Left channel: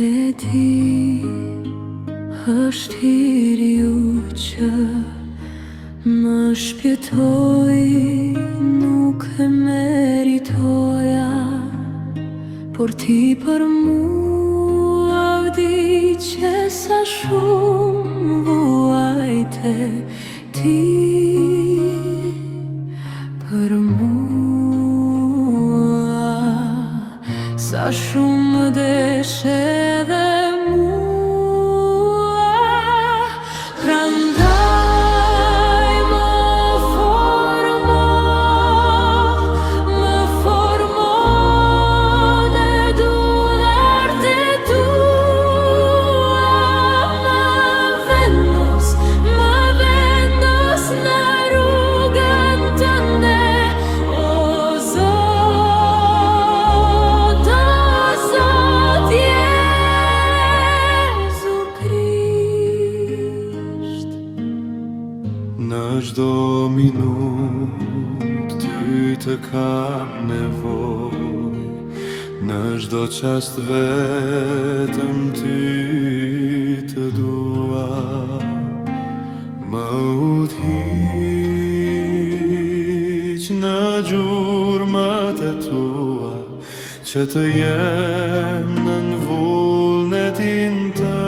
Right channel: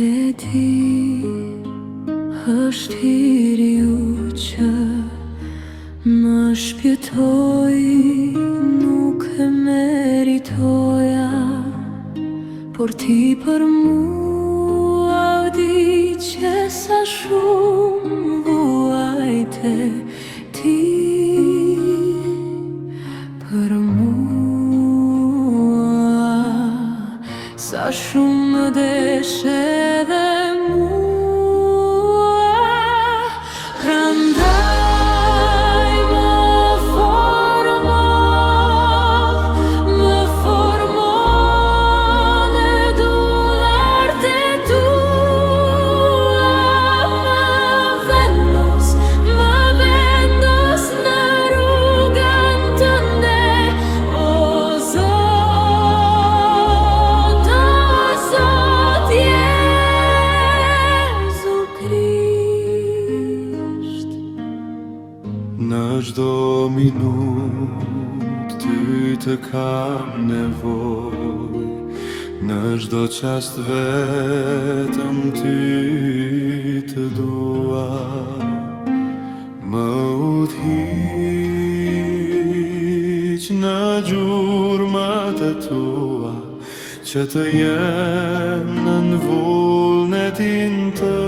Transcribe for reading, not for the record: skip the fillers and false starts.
E di, është hiri ju që më shpjetoj, nuk e meritoja, por ti për mua u di që sa shumë vuajte ti për mua, sa shumë më deshe dhe mua, prandaj më formon e duart e tua, më vendos në rrugën tënde, o Zot, Jezu Krisht. Në çdo minutë ty të kam nevoj, në çdo çast vetëm ty të dua, më udhëhiq në gjurmat e tua, që të jem në vullnetin të